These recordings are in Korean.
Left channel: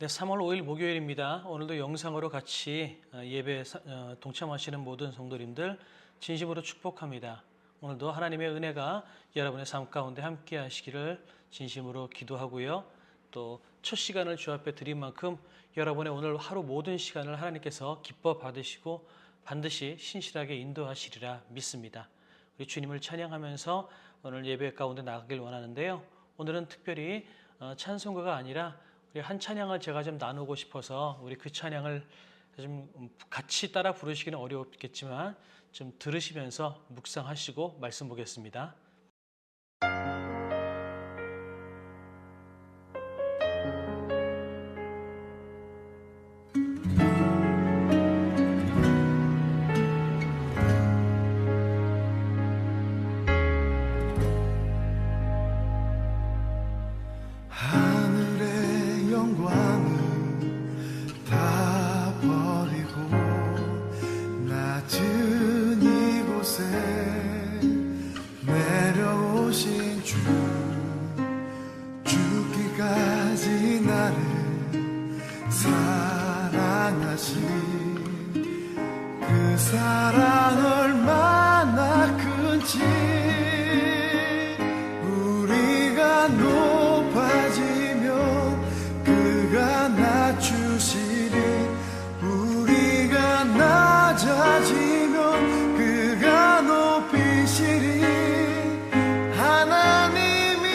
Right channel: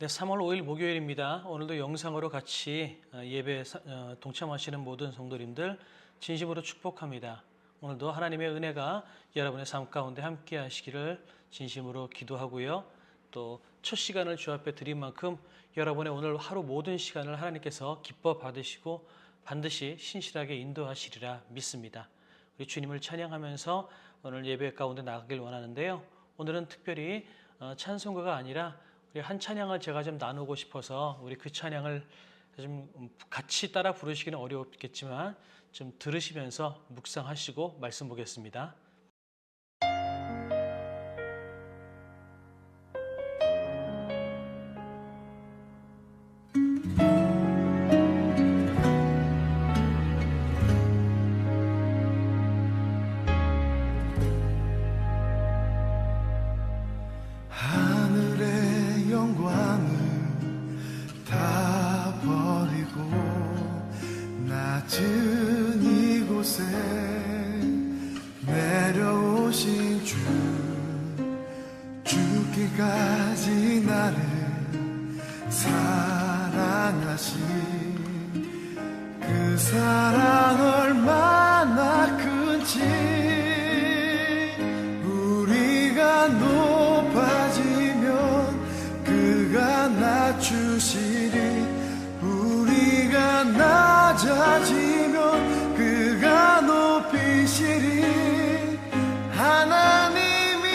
네, 3월 5일 목요일입니다. 오늘도 영상으로 같이 예배에 동참하시는 모든 성도님들 진심으로 축복합니다. 오늘도 하나님의 은혜가 여러분의 삶 가운데 함께 하시기를 진심으로 기도하고요. 또 첫 시간을 주 앞에 드린 만큼 여러분의 오늘 하루 모든 시간을 하나님께서 기뻐 받으시고 반드시 신실하게 인도하시리라 믿습니다. 우리 주님을 찬양하면서 오늘 예배 가운데 나가길 원하는데요. 오늘은 특별히 찬송가가 아니라 우리 한 찬양을 제가 좀 나누고 싶어서 우리 그 찬양을 좀 같이 따라 부르시기는 어렵겠지만 좀 들으시면서 묵상하시고 말씀 보겠습니다. 낮은 이곳에 내려오신 주, 죽기까지 나를 사랑하신 그 사랑 얼마나 큰지, 우리가 높아지면 그가 낮추시리, 우리가 낮아지면 그가 높이시리. 하나님이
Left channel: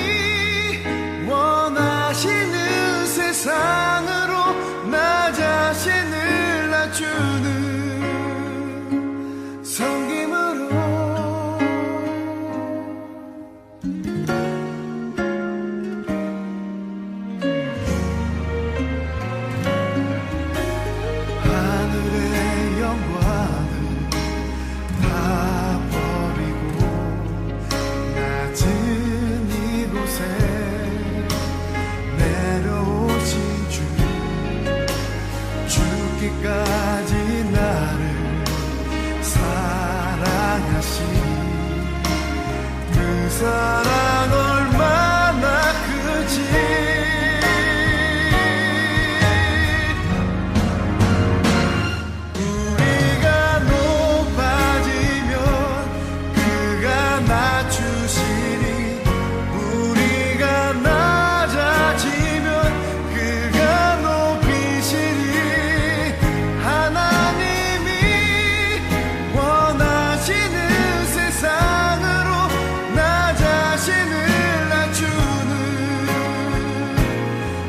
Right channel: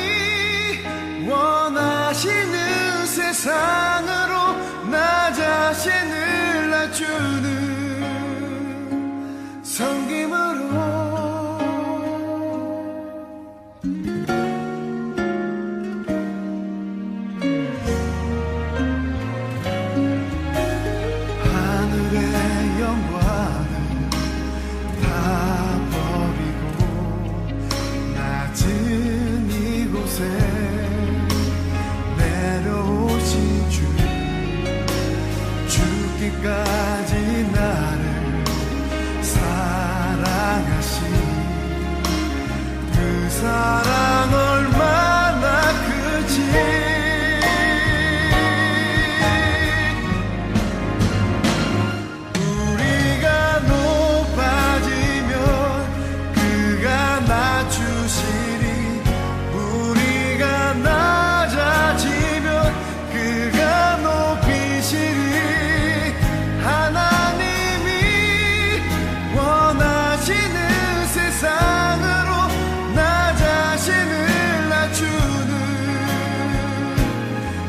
원하시는 세상으로 나 자신을 낮추는 섬김으로 영광을 다 버리고 낮은 이곳에 내려오신 주, 죽기까지 나를 사랑하신 그 사랑 얼마나 크지. 낮추시리, 우리가 낮아지면 그가 높이시리. 하나님이 원하시는 세상으로 나 자신을 낮추는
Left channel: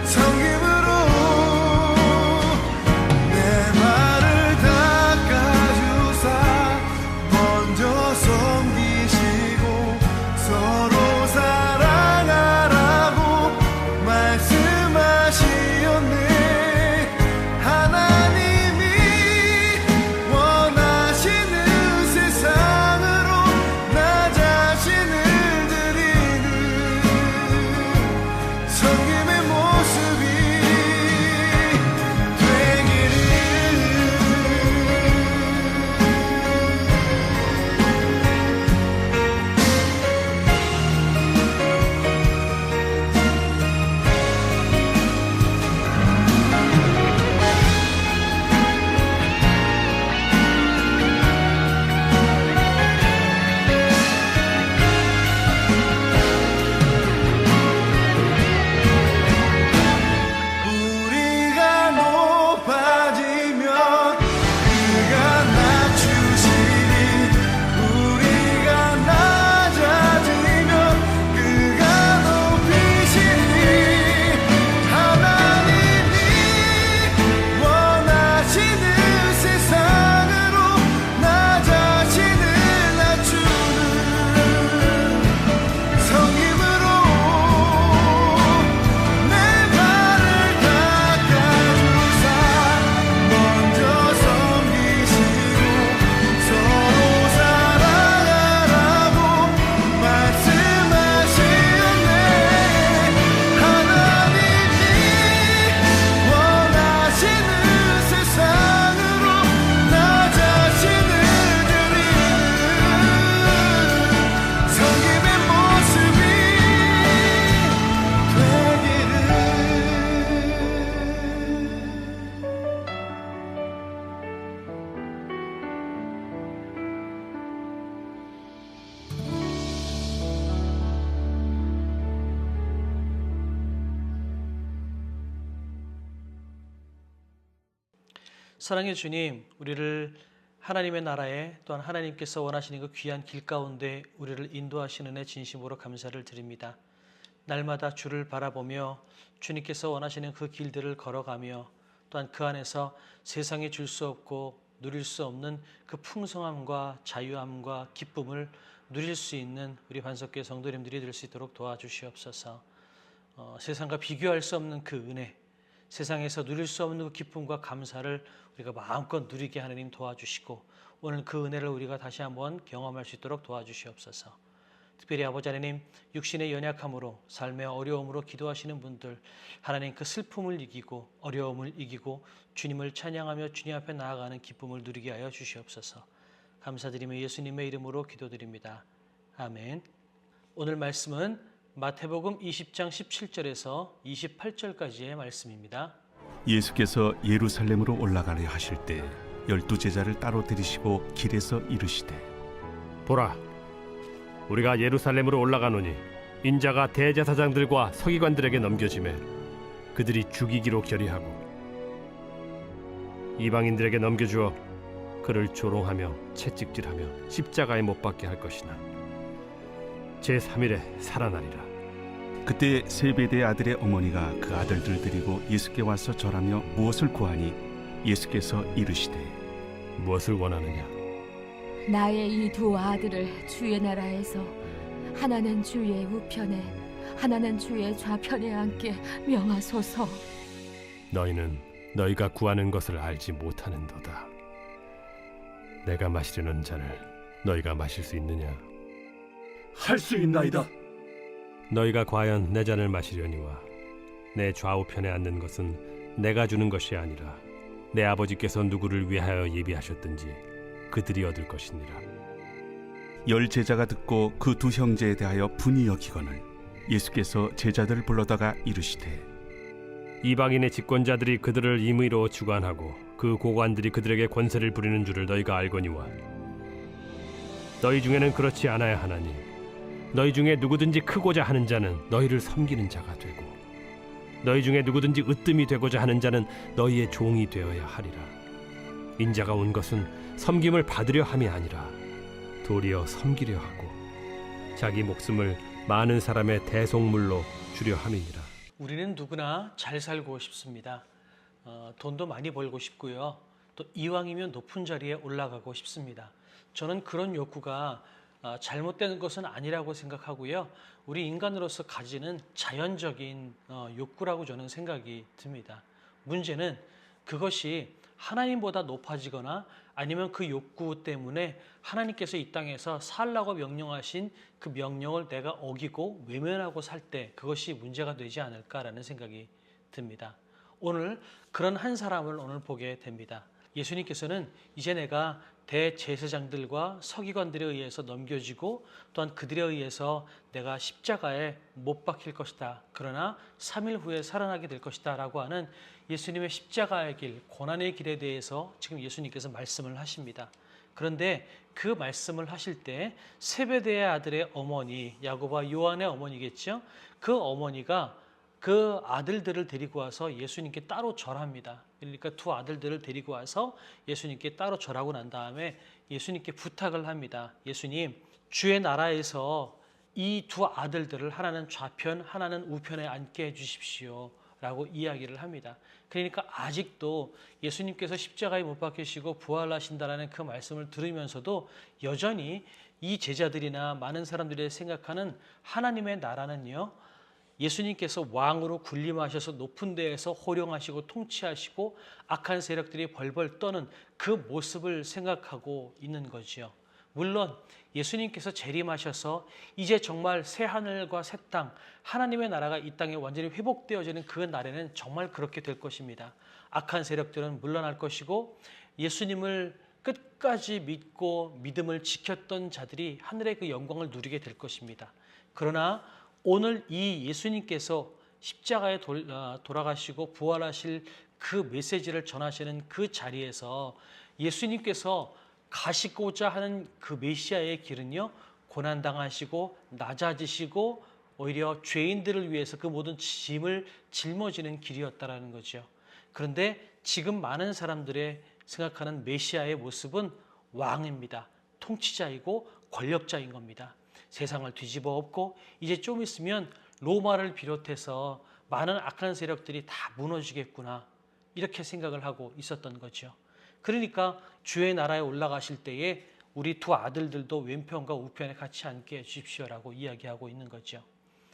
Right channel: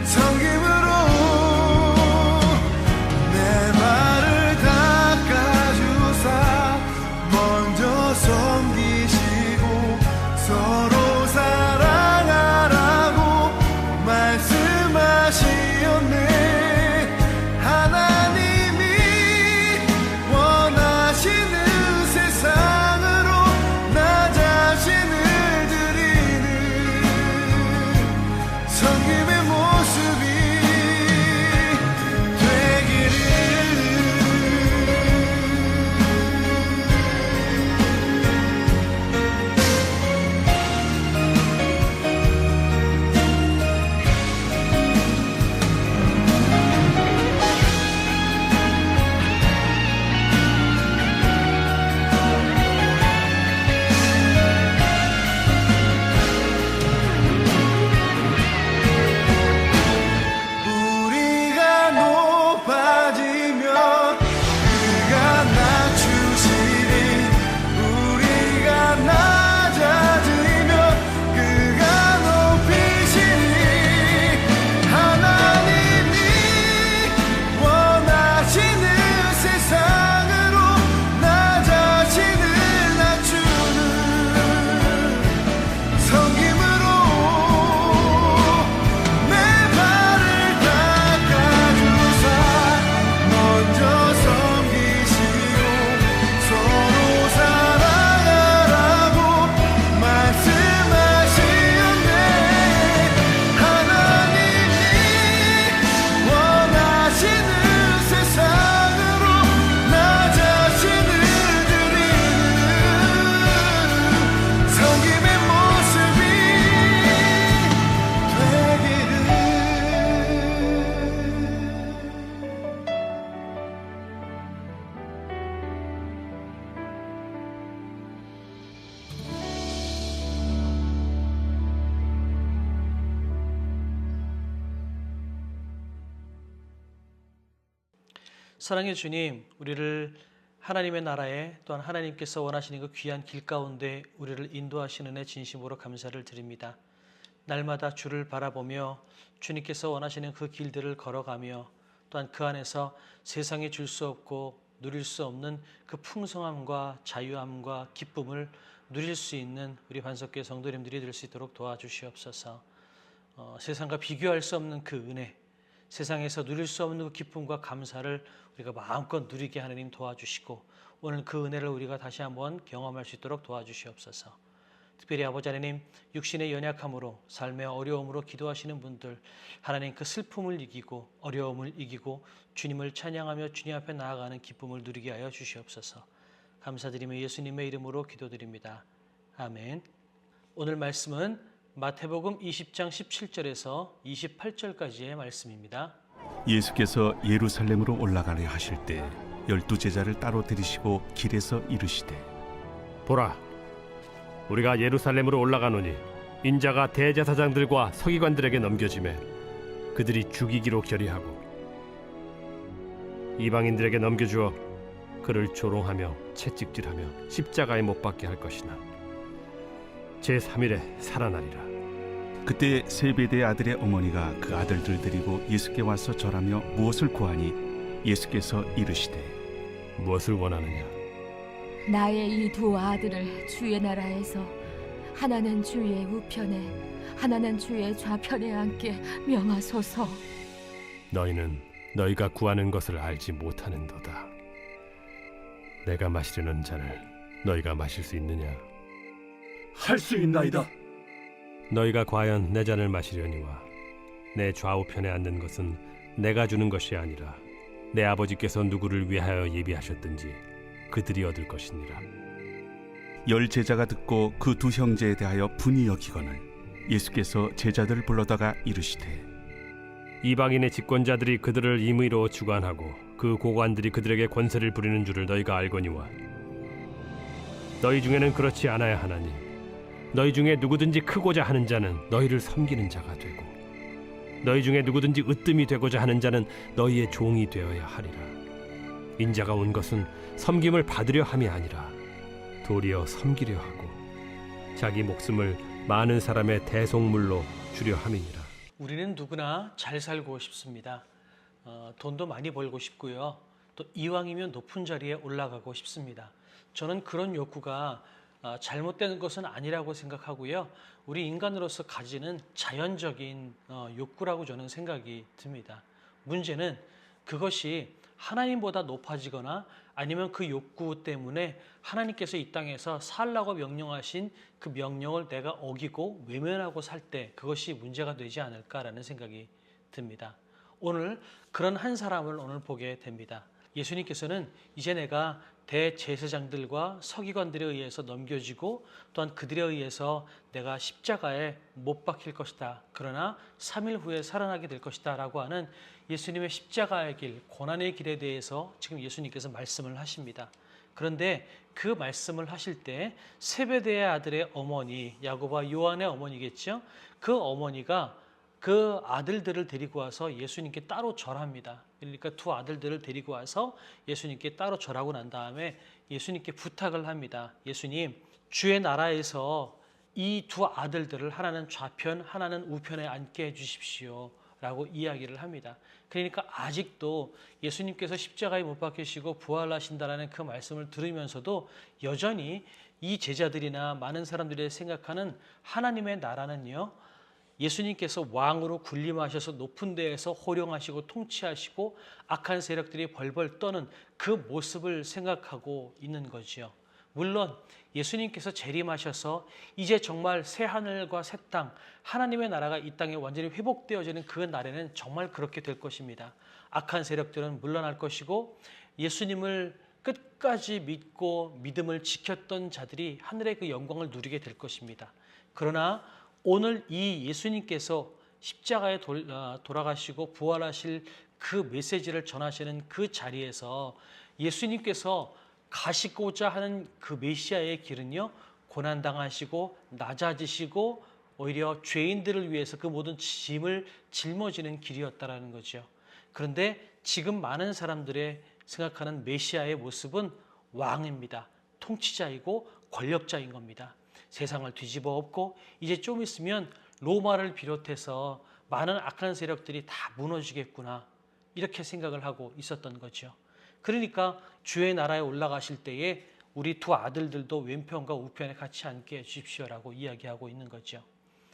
섬김으로 내 발을 닦아주사 먼저 섬기시고 서로 사랑하라고 말씀하시었네. 하나님이 원하시는 세상으로 나 자신을 드리는 섬김의 모습이 되기를. 사랑의 주님, 우리를 하나님의 나라에 또한 하나님께서 원하시는 그 귀한 길 가운데 우리를 인도하시는 데 진심으로 감사를 드립니다. 날마다 주를 바라보며 주님께서 원하시는 그 길들을 걸어가며 또한 그 안에서 세상에 줄 수 없고 누릴 수 없는 그 풍성함과 자유함과 기쁨을 누릴 수 있는 우리 반석교회 성도님들이 될 수 있도록 도와주시옵소서. 세상과 비교할 수 없는 그 은혜, 세상에서 누릴 수 없는 그 기쁨과 감사를 우리가 마음껏 누리게 하나님 도와주시고 오늘 그 은혜를 우리가 다시 한번 경험할 수 있도록 도와주시옵소서. 특별히 아버지 하나님, 육신의 연약함으로 삶의 어려움으로 기도하시는 분들, 하나님 그 슬픔을 이기고 어려움을 이기고 주님을 찬양하며 주님 앞에 나아가는 기쁨을 누리게 하여 주시옵소서. 감사드리며 예수님의 이름으로 기도드립니다. 아멘. 오늘 말씀은 마태복음 20장 17절에서 28절까지의 말씀입니다. 예수께서 예루살렘으로 올라가려 하실 때 12제자를 따로 들이시고 길에서 이르시되 보라, 우리가 예루살렘으로 올라가노니 인자가 대제사장들과 서기관들에게 넘겨지매 그들이 죽이기로 결의하고 이방인들에게 넘겨주어 그를 조롱하며 채찍질하며 십자가에 못 박게 할 것이나 제3일에 살아나리라. 그때 세베대의 아들의 어머니가 그 아들들 데리고 예수께 와서 절하며 무엇을 구하니 예수께서 이르시되 무엇을 원하느냐? 나의 이 두 아들을 주의 나라에서 하나는 주의 우편에 하나는 주의 좌편에 앉게 명하소서. 너희는 너희가 구하는 것을 알지 못하는도다. 내가 마시려는 잔을 너희가 마실 수 있느냐? 할 수 있나이다. 너희가 과연 내 잔을 마시려니와 내 좌우편에 앉는 것은 내가 주는 것이 아니라 내 아버지께서 누구를 위하여 예비하셨든지 그들이 얻을 것이니라. 10제자가 듣고 그 두 형제에 대하여 분이 여기거늘 예수께서 제자들을 불러다가 이르시되 이방인의 집권자들이 그들을 임의로 주관하고 그 고관들이 그들에게 권세를 부리는 줄을 너희가 알거니와 너희 중에는 그렇지 않아야 하나니 너희 중에 누구든지 크고자 하는 자는 너희를 섬기는 자가 되고 너희 중에 누구든지 으뜸이 되고자 하는 자는 너희의 종이 되어야 하리라. 인자가 온 것은 섬김을 받으려 함이 아니라 도리어 섬기려 하고 자기 목숨을 많은 사람의 대속물로 주려 함이니라. 우리는 누구나 잘 살고 싶습니다. 돈도 많이 벌고 싶고요. 또 이왕이면 높은 자리에 올라가고 싶습니다. 저는 그런 욕구가 잘못된 것은 아니라고 생각하고요. 우리 인간으로서 가지는 자연적인 욕구라고 저는 생각이 듭니다. 문제는 그것이 하나님보다 높아지거나 아니면 그 욕구 때문에 하나님께서 이 땅에서 살라고 명령하신 그 명령을 내가 어기고 외면하고 살 때 그것이 문제가 되지 않을까라는 생각이 듭니다. 오늘 그런 한 사람을 오늘 보게 됩니다. 예수님께서는 이제 내가 대제사장들과 서기관들에 의해서 넘겨지고 또한 그들에 의해서 내가 십자가에 못 박힐 것이다. 그러나 3일 후에 살아나게 될 것이다 라고 하는 예수님의 십자가의 길, 고난의 길에 대해서 지금 예수님께서 말씀을 하십니다. 그런데 그 말씀을 하실 때 세베대의 아들의 어머니, 야고보와 요한의 어머니겠죠. 그 어머니가 그 아들들을 데리고 와서 예수님께 따로 절합니다. 그러니까 두 아들들을 데리고 와서 예수님께 따로 절하고 난 다음에 예수님께 부탁을 합니다. 예수님, 주의 나라에서 이 두 아들들을 하나는 좌편, 하나는 우편에 앉게 해주십시오 라고 이야기를 합니다. 그러니까 아직도 예수님께서 십자가에 못 박히시고 부활하신다라는 그 말씀을 들으면서도 여전히 이 제자들이나 많은 사람들이 생각하는 하나님의 나라는요, 예수님께서 왕으로 군림하셔서 높은 데에서 호령하시고 통치하시고 악한 세력들이 벌벌 떠는 그 모습을 생각하고 있는 거지요. 물론 예수님께서 재림하셔서 이제 정말 새 하늘과 새 땅, 하나님의 나라가 이 땅에 완전히 회복되어지는 그 날에는 정말 그렇게 될 것입니다. 악한 세력들은 물러날 것이고 예수님을 끝까지 믿고 믿음을 지켰던 자들이 하늘의 그 영광을 누리게 될 것입니다. 그러나 오늘 이 예수님께서 십자가에 돌아가시고 부활하실 그 메시지를 전하시는 그 자리에서 예수님께서 가시고자 하는 그 메시아의 길은요, 고난당하시고 낮아지시고 오히려 죄인들을 위해서 그 모든 짐을 짊어지는 길이었다라는 거죠. 그런데 지금 많은 사람들의 생각하는 메시아의 모습은 왕입니다. 통치자이고 권력자인 겁니다. 세상을 뒤집어 엎고 이제 좀 있으면 로마를 비롯해서 많은 악한 세력들이 다 무너지겠구나, 이렇게 생각을 하고 있었던 거죠. 그러니까 주의 나라에 올라가실 때에 우리 두 아들들도 왼편과 우편에 같이 앉게 해주십시오라고 이야기하고 있는 거죠.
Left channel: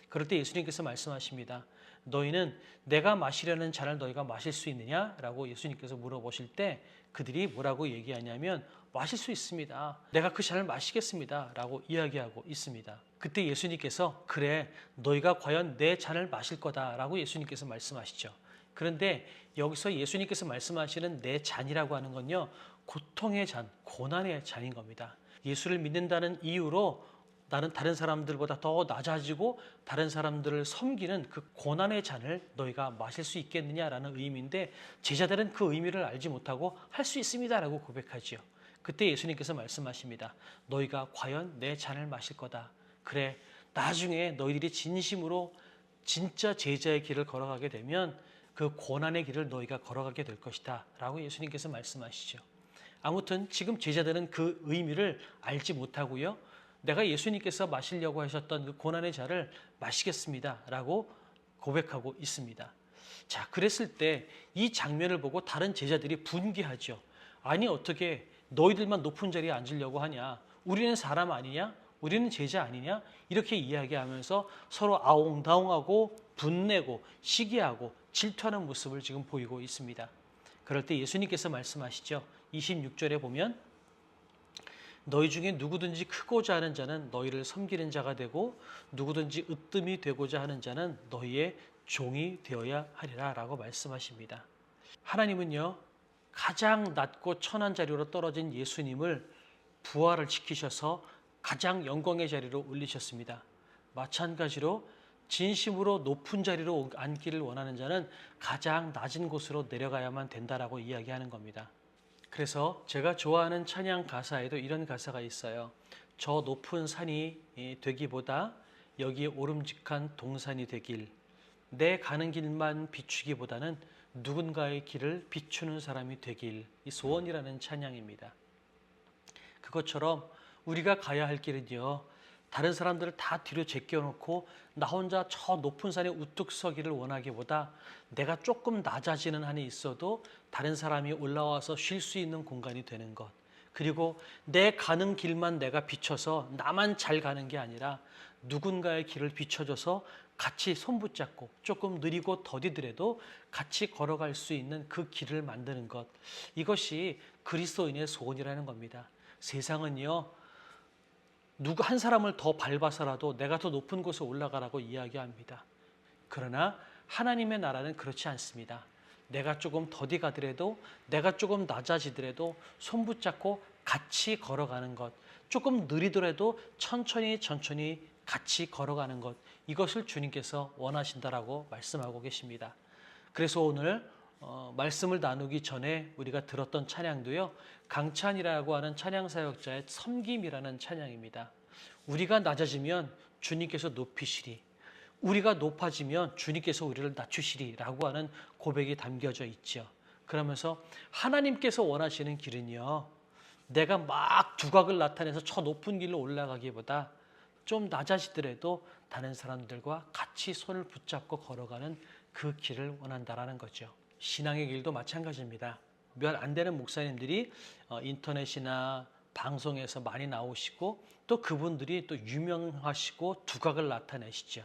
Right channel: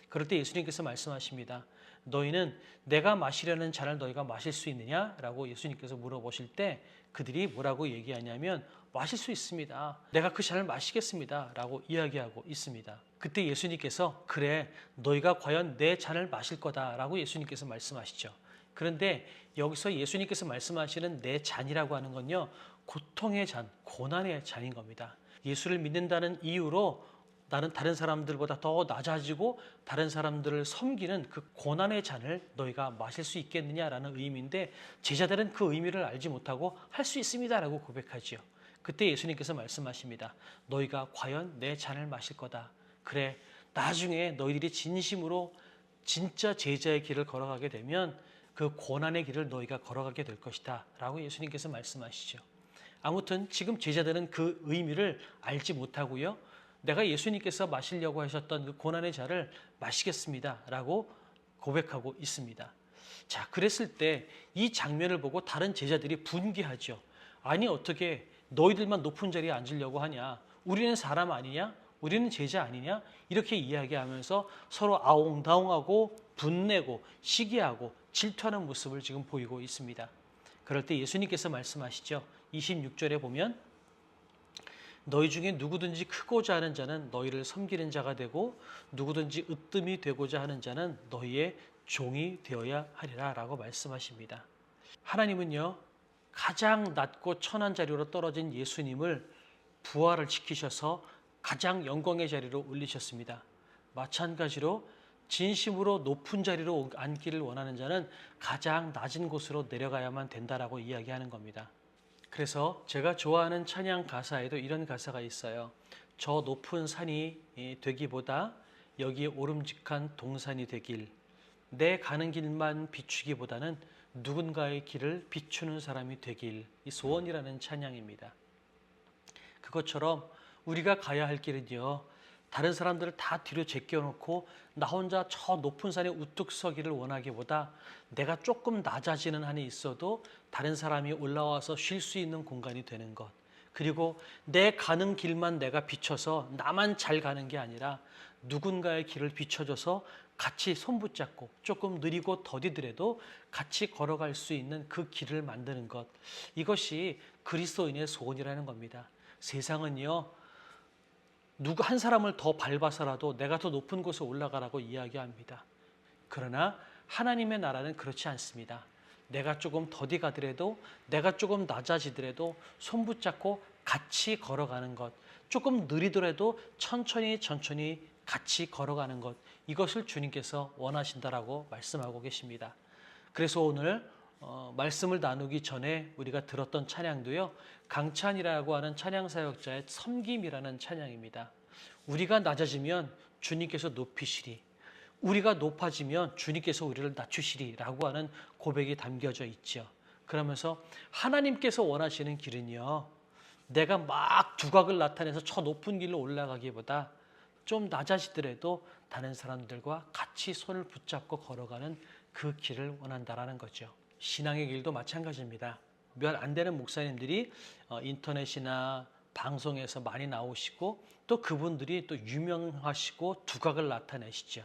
그럴 때 예수님께서 말씀하십니다. 너희는 내가 마시려는 잔을 너희가 마실 수 있느냐라고 예수님께서 물어보실 때 그들이 뭐라고 얘기하냐면 마실 수 있습니다. 내가 그 잔을 마시겠습니다 라고 이야기하고 있습니다. 그때 예수님께서 그래 너희가 과연 내 잔을 마실 거다라고 예수님께서 말씀하시죠. 그런데 여기서 예수님께서 말씀하시는 내 잔이라고 하는 건요, 고통의 잔, 고난의 잔인 겁니다. 예수를 믿는다는 이유로 나는 다른 사람들보다 더 낮아지고 다른 사람들을 섬기는 그 고난의 잔을 너희가 마실 수 있겠느냐라는 의미인데, 제자들은 그 의미를 알지 못하고 할 수 있습니다라고 고백하지요. 그때 예수님께서 말씀하십니다. 너희가 과연 내 잔을 마실 거다. 그래, 나중에 너희들이 진심으로 진짜 제자의 길을 걸어가게 되면 그 고난의 길을 너희가 걸어가게 될 것이다 라고 예수님께서 말씀하시죠. 아무튼 지금 제자들은 그 의미를 알지 못하고요, 내가 예수님께서 마시려고 하셨던 그 고난의 잔을 마시겠습니다 라고 고백하고 있습니다. 자, 그랬을 때 이 장면을 보고 다른 제자들이 분개하죠. 아니 어떻게 너희들만 높은 자리에 앉으려고 하냐, 우리는 사람 아니냐, 우리는 제자 아니냐, 이렇게 이야기하면서 서로 아웅다웅하고 분내고 시기하고 질투하는 모습을 지금 보이고 있습니다. 그럴 때 예수님께서 말씀하시죠. 26절에 보면 너희 중에 누구든지 크고자 하는 자는 너희를 섬기는 자가 되고 누구든지 으뜸이 되고자 하는 자는 너희의 종이 되어야 하리라 라고 말씀하십니다. 하나님은요, 가장 낮고 천한 자리로 떨어진 예수님을 부활을 시키셔서 가장 영광의 자리로 올리셨습니다. 마찬가지로 진심으로 높은 자리로 앉기를 원하는 자는 가장 낮은 곳으로 내려가야만 된다라고 이야기하는 겁니다. 그래서 제가 좋아하는 찬양 가사에도 이런 가사가 있어요. 저 높은 산이 되기보다 여기 오름직한 동산이 되길, 내 가는 길만 비추기보다는 누군가의 길을 비추는 사람이 되길, 이 소원이라는 찬양입니다. 그것처럼 우리가 가야 할 길은요, 다른 사람들을 다 뒤로 제껴놓고 나 혼자 저 높은 산에 우뚝 서기를 원하기보다 내가 조금 낮아지는 한이 있어도 다른 사람이 올라와서 쉴 수 있는 공간이 되는 것, 그리고 내 가는 길만 내가 비춰서 나만 잘 가는 게 아니라 누군가의 길을 비춰줘서 같이 손붙잡고 조금 느리고 더디더라도 같이 걸어갈 수 있는 그 길을 만드는 것, 이것이 그리스도인의 소원이라는 겁니다. 세상은요, 누구 한 사람을 더 밟아서라도 내가 더 높은 곳에 올라가라고 이야기합니다. 그러나 하나님의 나라는 그렇지 않습니다. 내가 조금 더디 가더라도, 내가 조금 낮아지더라도 손붙잡고 같이 걸어가는 것, 조금 느리더라도 천천히 같이 걸어가는 것, 이것을 주님께서 원하신다라고 말씀하고 계십니다. 그래서 오늘 말씀을 나누기 전에 우리가 들었던 찬양도요, 강찬이라고 하는 찬양 사역자의 섬김이라는 찬양입니다. 우리가 낮아지면 주님께서 높이시리, 우리가 높아지면 주님께서 우리를 낮추시리라고 하는 고백이 담겨져 있죠. 그러면서 하나님께서 원하시는 길은요, 내가 막 두각을 나타내서 저 높은 길로 올라가기보다 좀 낮아지더라도 다른 사람들과 같이 손을 붙잡고 걸어가는 그 길을 원한다라는 거죠. 신앙의 길도 마찬가지입니다. 몇 안 되는 목사님들이 인터넷이나 방송에서 많이 나오시고 또 그분들이 또 유명하시고 두각을 나타내시죠.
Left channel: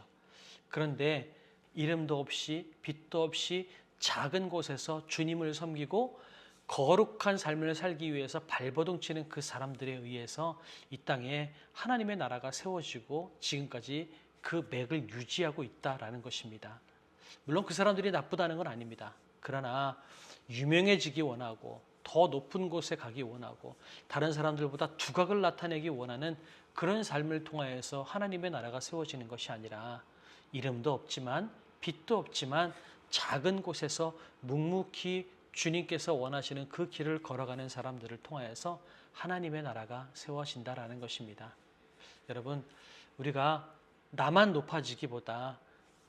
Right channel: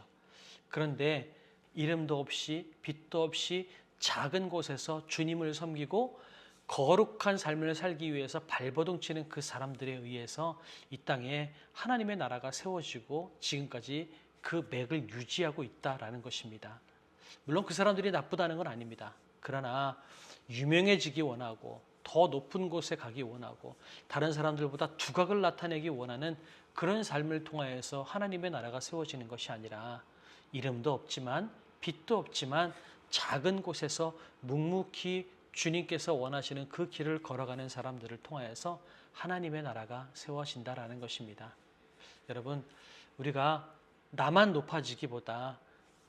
그런데 이름도 없이 빛도 없이 작은 곳에서 주님을 섬기고 거룩한 삶을 살기 위해서 발버둥 치는 그 사람들에 의해서 이 땅에 하나님의 나라가 세워지고 지금까지 그 맥을 유지하고 있다라는 것입니다. 물론 그 사람들이 나쁘다는 건 아닙니다. 그러나 유명해지기 원하고 더 높은 곳에 가기 원하고 다른 사람들보다 두각을 나타내기 원하는 그런 삶을 통하여서 하나님의 나라가 세워지는 것이 아니라 이름도 없지만 빛도 없지만 작은 곳에서 묵묵히 주님께서 원하시는 그 길을 걸어가는 사람들을 통하여서 하나님의 나라가 세워진다라는 것입니다. 여러분, 우리가 나만 높아지기보다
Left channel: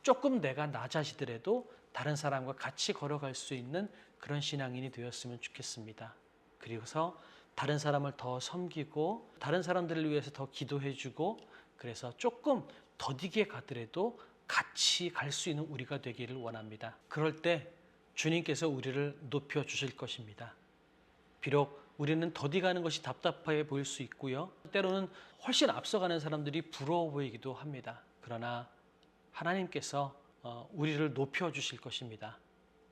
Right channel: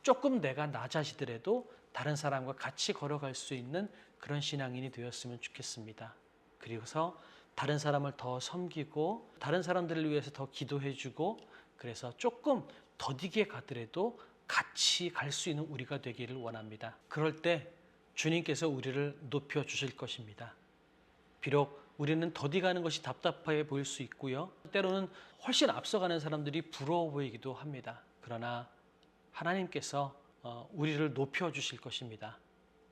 조금 내가 낮아지더라도 다른 사람과 같이 걸어갈 수 있는 그런 신앙인이 되었으면 좋겠습니다. 그리고서 다른 사람을 더 섬기고 다른 사람들을 위해서 더 기도해주고 그래서 조금 더디게 가더라도 같이 갈 수 있는 우리가 되기를 원합니다. 그럴 때 주님께서 우리를 높여주실 것입니다. 비록 우리는 더디 가는 것이 답답해 보일 수 있고요. 때로는 훨씬 앞서가는 사람들이 부러워 보이기도 합니다. 그러나 하나님께서 우리를 높여주실 것입니다.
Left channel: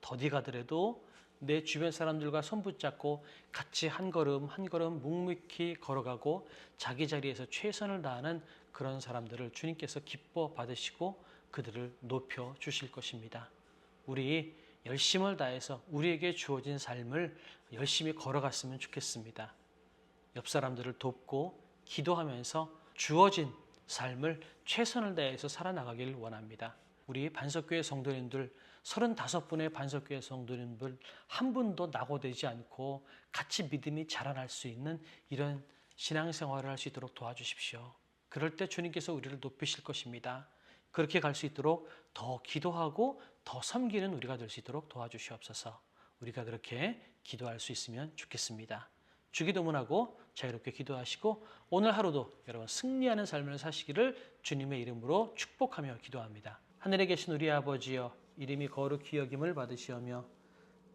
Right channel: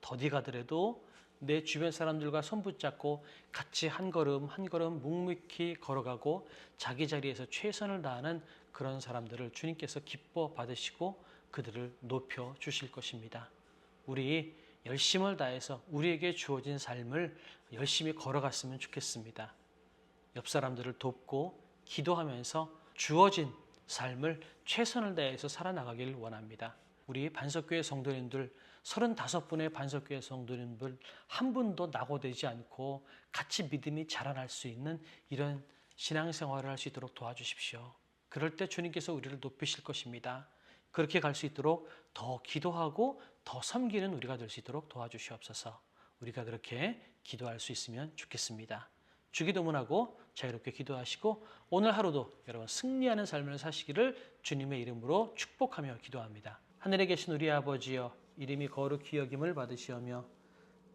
더디 가더라도 내 주변 사람들과 손 붙잡고 같이 한 걸음 한 걸음 묵묵히 걸어가고 자기 자리에서 최선을 다하는 그런 사람들을 주님께서 기뻐 받으시고 그들을 높여주실 것입니다. 우리 열심을 다해서 우리에게 주어진 삶을 열심히 걸어갔으면 좋겠습니다. 옆 사람들을 돕고 기도하면서 주어진 삶을 최선을 다해서 살아나가길 원합니다. 우리 반석교회 성도님들 35분의 반석교회 성도님들 한 분도 낙오되지 않고 같이 믿음이 자라날 수 있는 이런 신앙생활을 할 수 있도록 도와주십시오. 그럴 때 주님께서 우리를 높이실 것입니다. 그렇게 갈 수 있도록 더 기도하고 더 섬기는 우리가 될 수 있도록 도와주시옵소서. 우리가 그렇게 기도할 수 있으면 좋겠습니다. 주기도문하고 자유롭게 기도하시고 오늘 하루도 여러분 승리하는 삶을 사시기를 주님의 이름으로 축복하며 기도합니다. 하늘에 계신 우리 아버지여, 이름이 거룩히 여김을 받으시오며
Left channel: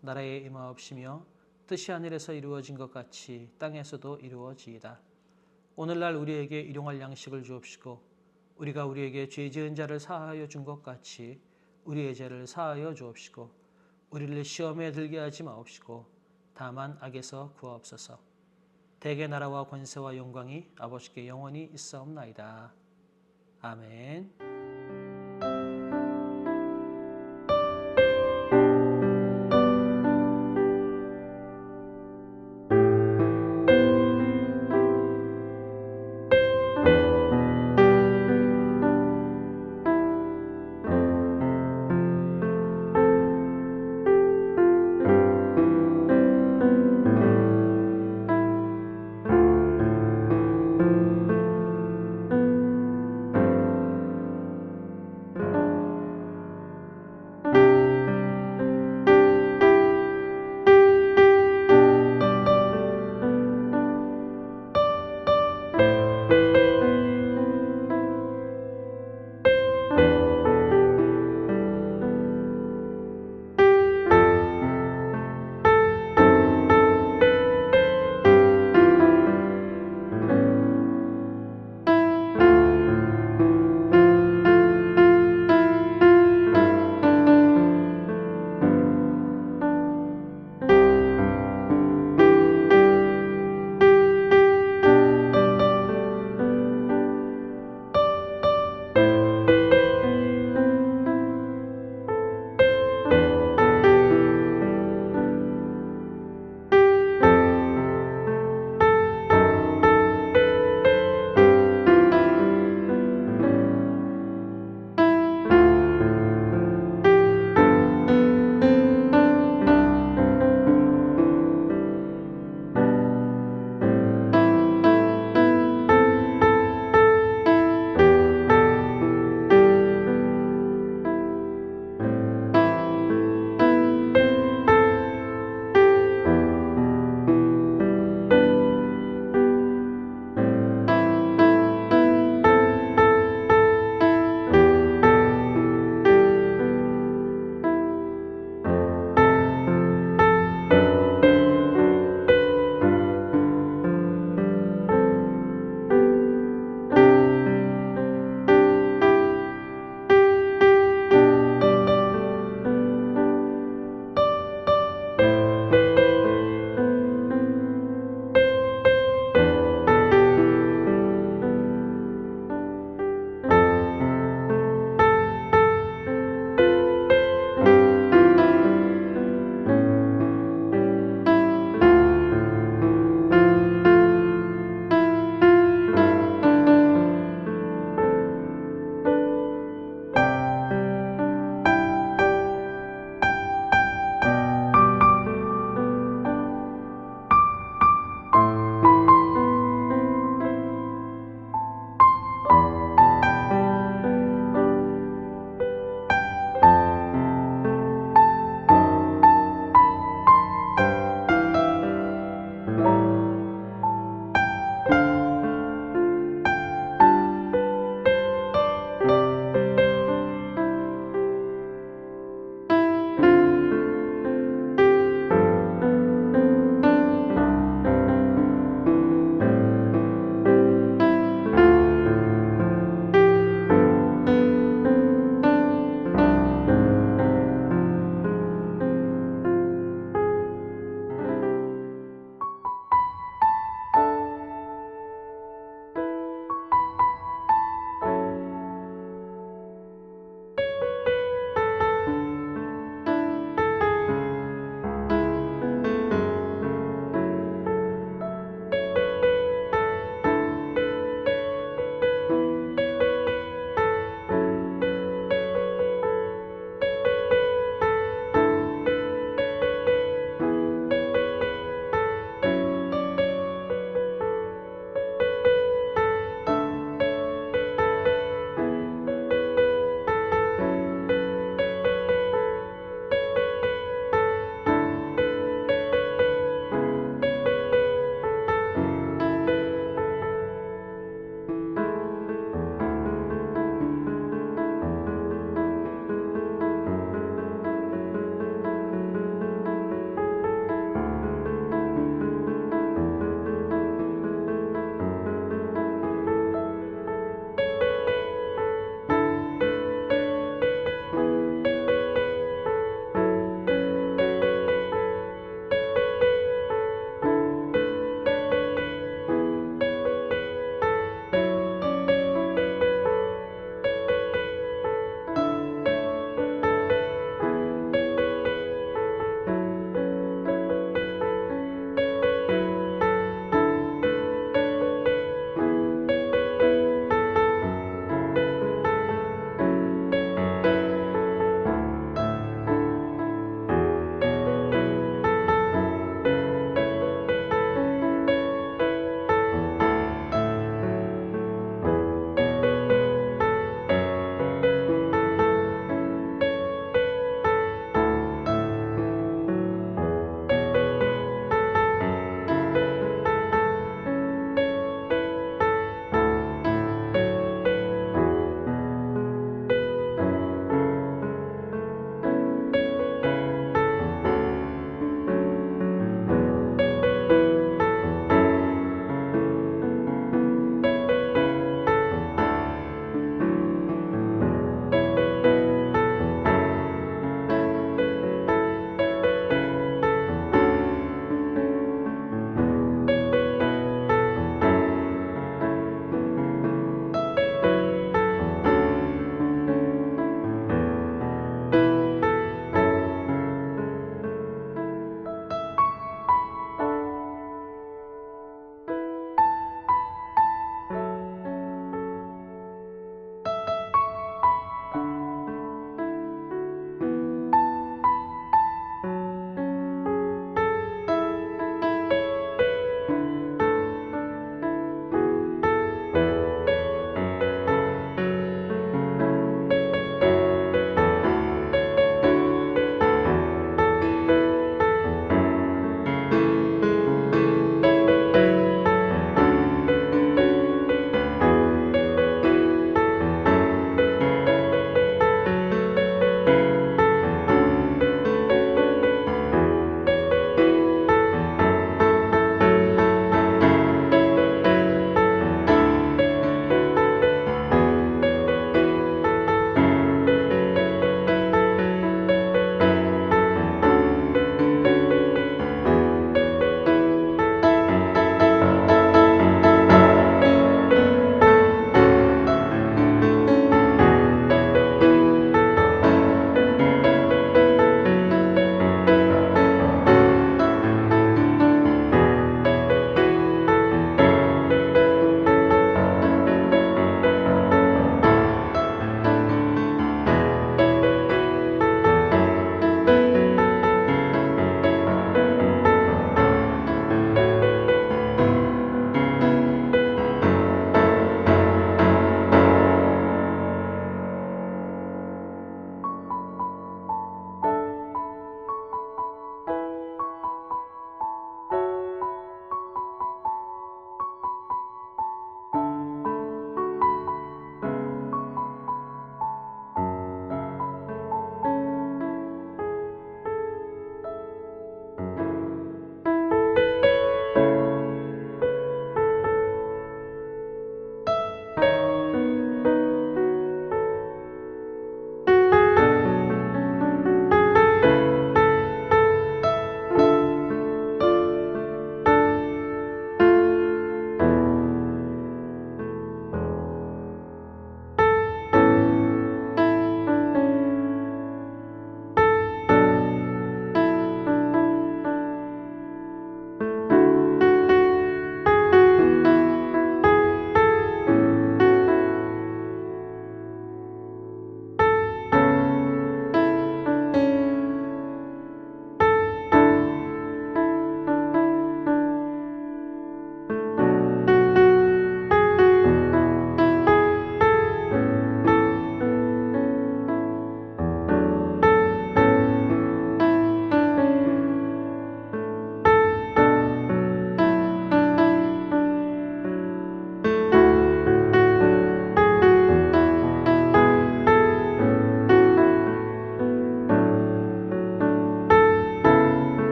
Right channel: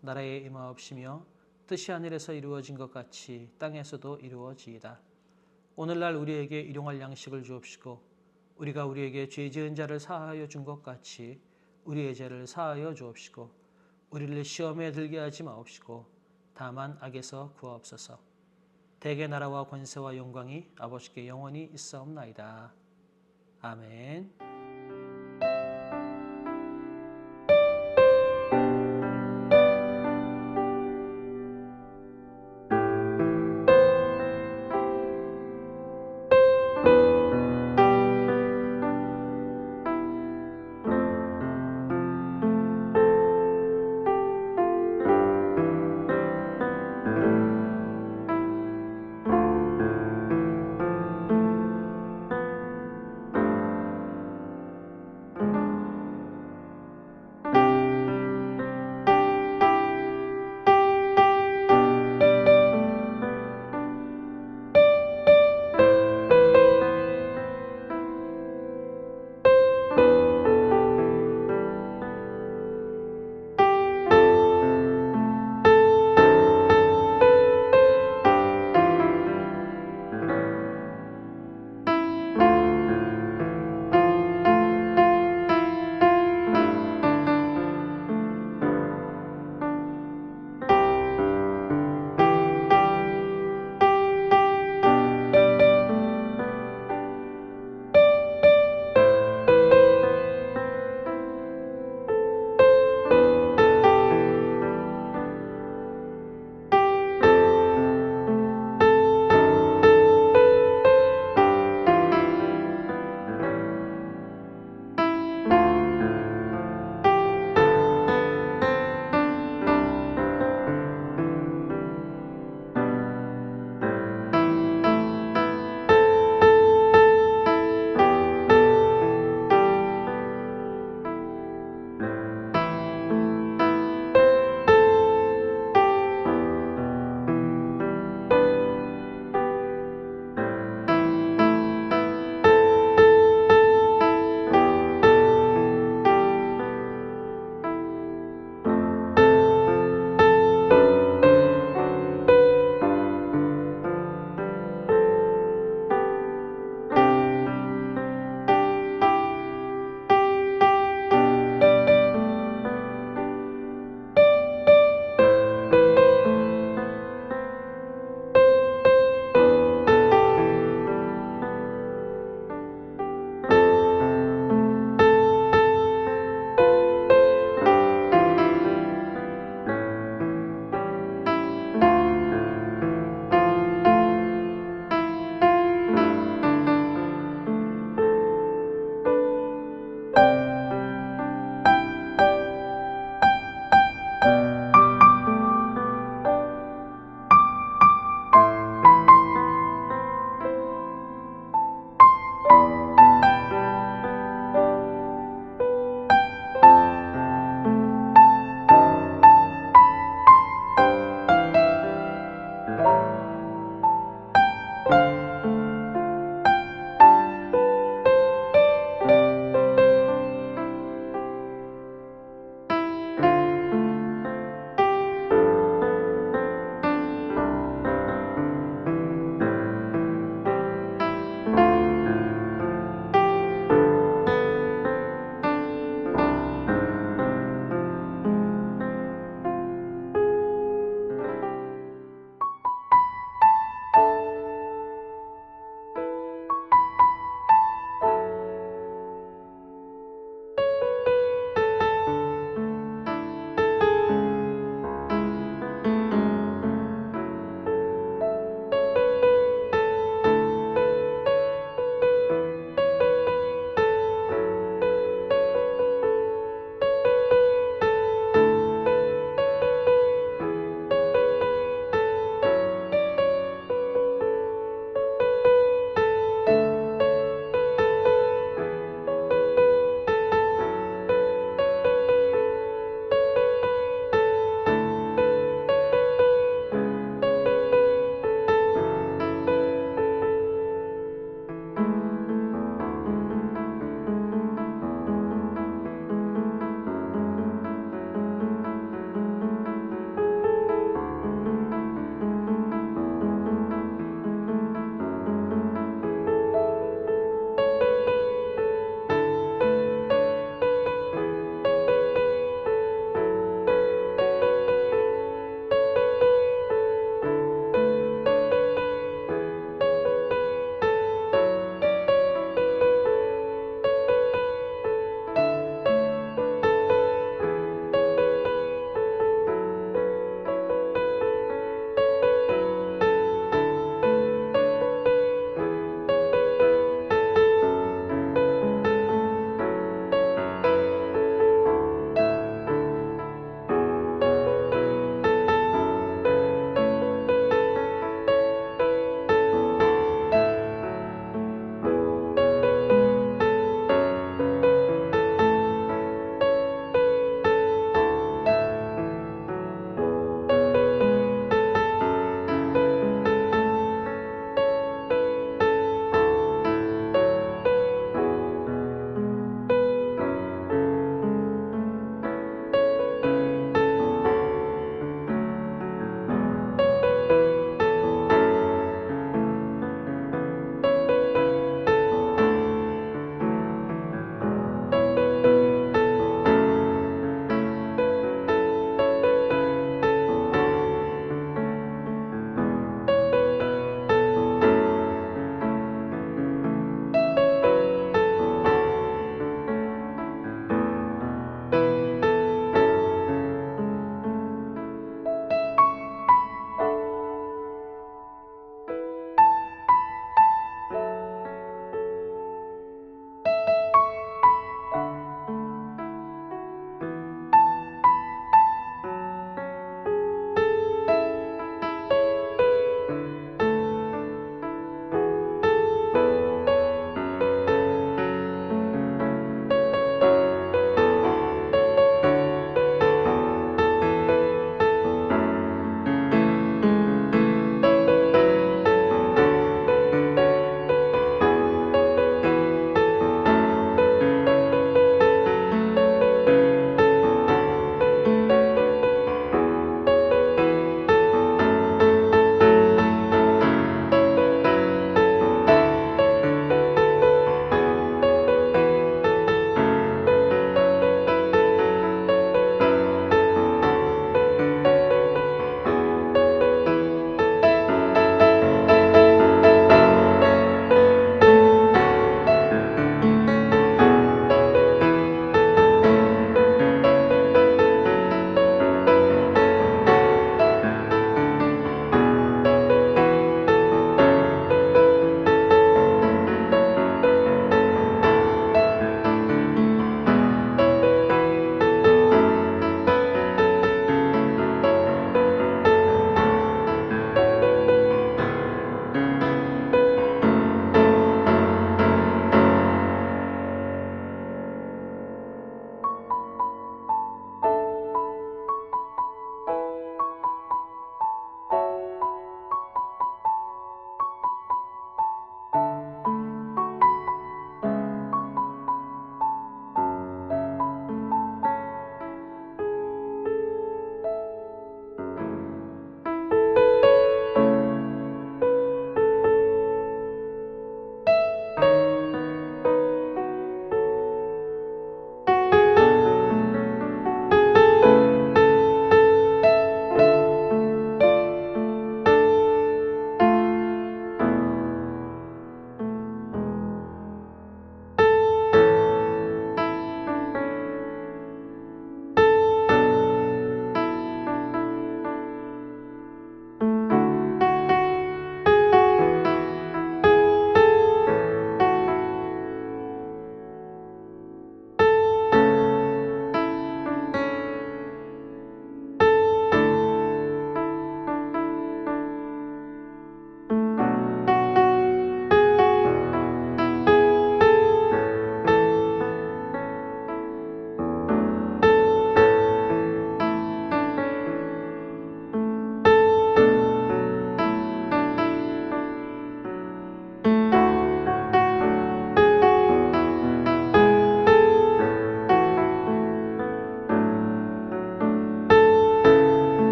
나라에 임하옵시며 뜻이 하늘에서 이루어진 것 같이 땅에서도 이루어지이다. 오늘날 우리에게 일용할 양식을 주옵시고 우리가 우리에게 죄 지은 자를 사하여 준 것 같이 우리의 죄를 사하여 주옵시고 우리를 시험에 들게 하지 마옵시고 다만 악에서 구하옵소서. 대개 나라와 권세와 영광이 아버지께 영원히 있사옵나이다. 아멘.